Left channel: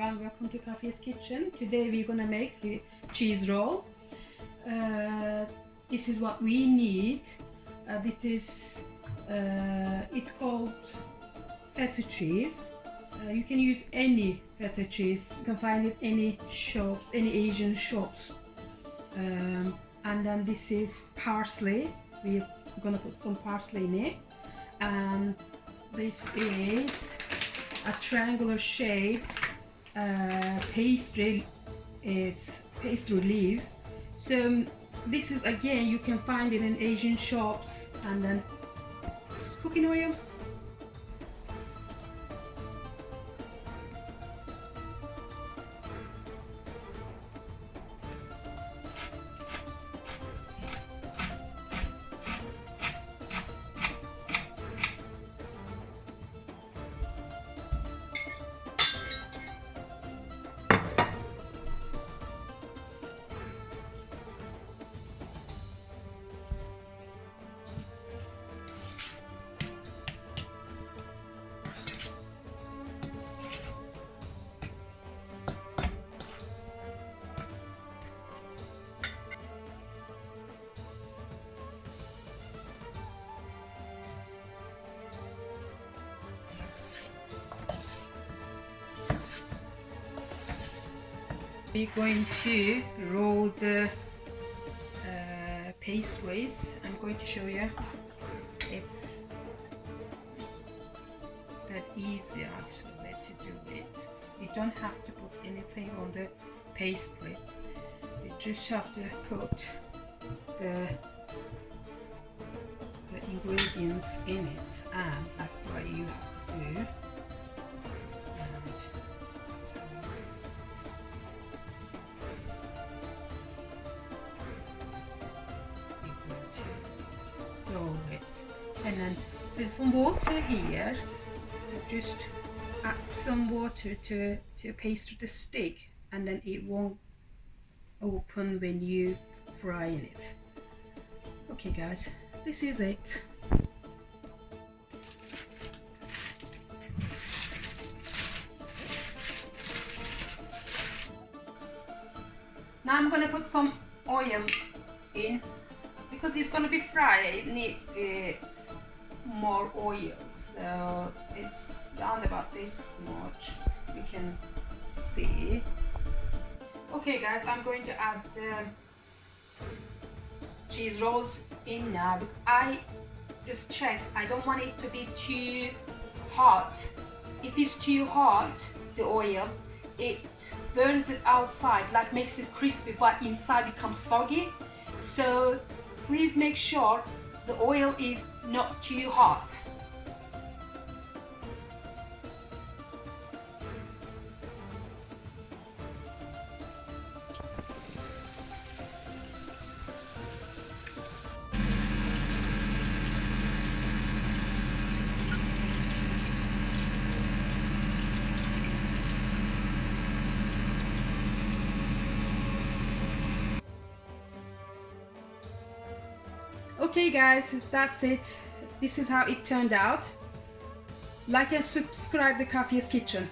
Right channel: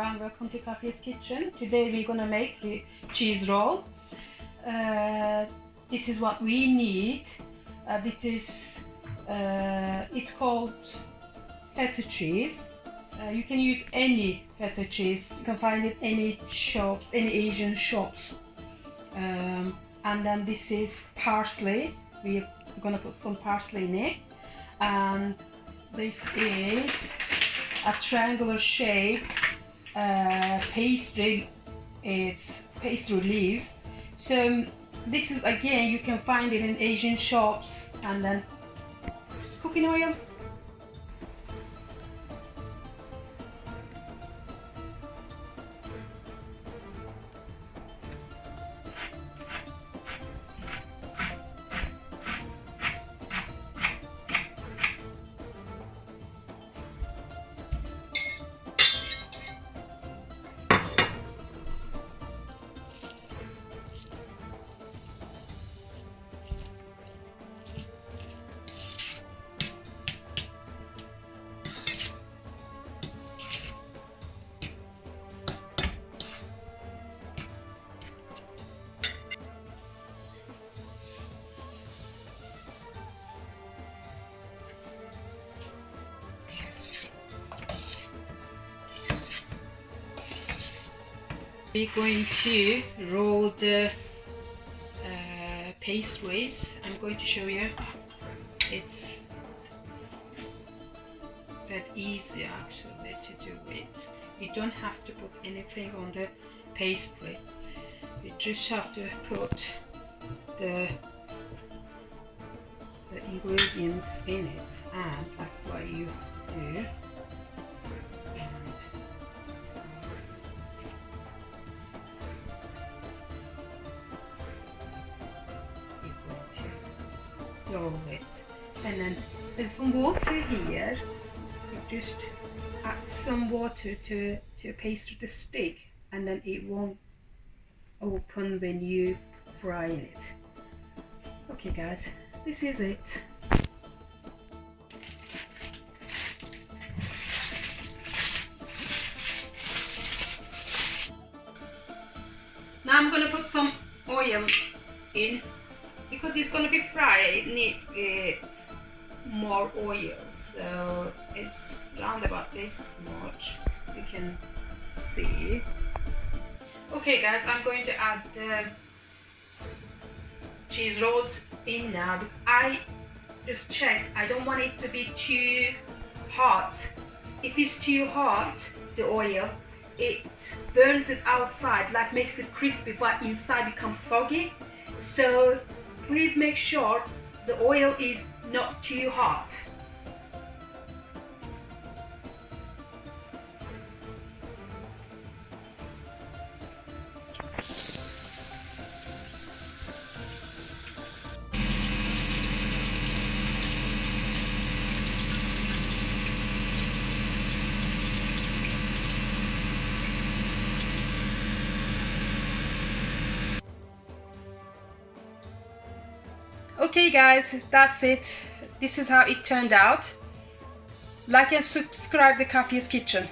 everyone, welcome to Kafiye's kitchen. Today we're gonna make the cheese roll. This is what we need. It's called feta cheese. You can use any feta cheese. You can find it any shops, any Asian shops. And then this is parsley. We're gonna put some parsley in it. And this is a triangular shape pastry. It's pastry leaves. So this is, again, you can find it in Asian shops. And then cooking oil. We're going to roll the pastries. I'm going to show you. It's that easy actually to do it. You don't have to put anything on the pastry. You just have to put the ingredients in it, and that's what you do. Roll it, and then there's some water here. You just add some water to pastry to stick, and then it won't open when you fry it. Okay guys, this is it. Now I'm gonna put some oil in. Because it's going to be fried, it needs a bit more oil, so it's around about this much, you can see. Okay guys, I'm going to add the cheese rolls in now. I just checked, I don't want it to be too hot. If it's too hot, the oil, it burns it outside, like makes it crispy, but inside becomes soggy. So please make sure the oil is not too hot. Okay guys, that's it. This is how it turned out. Like and subscribe to Kafiye's Kitchen.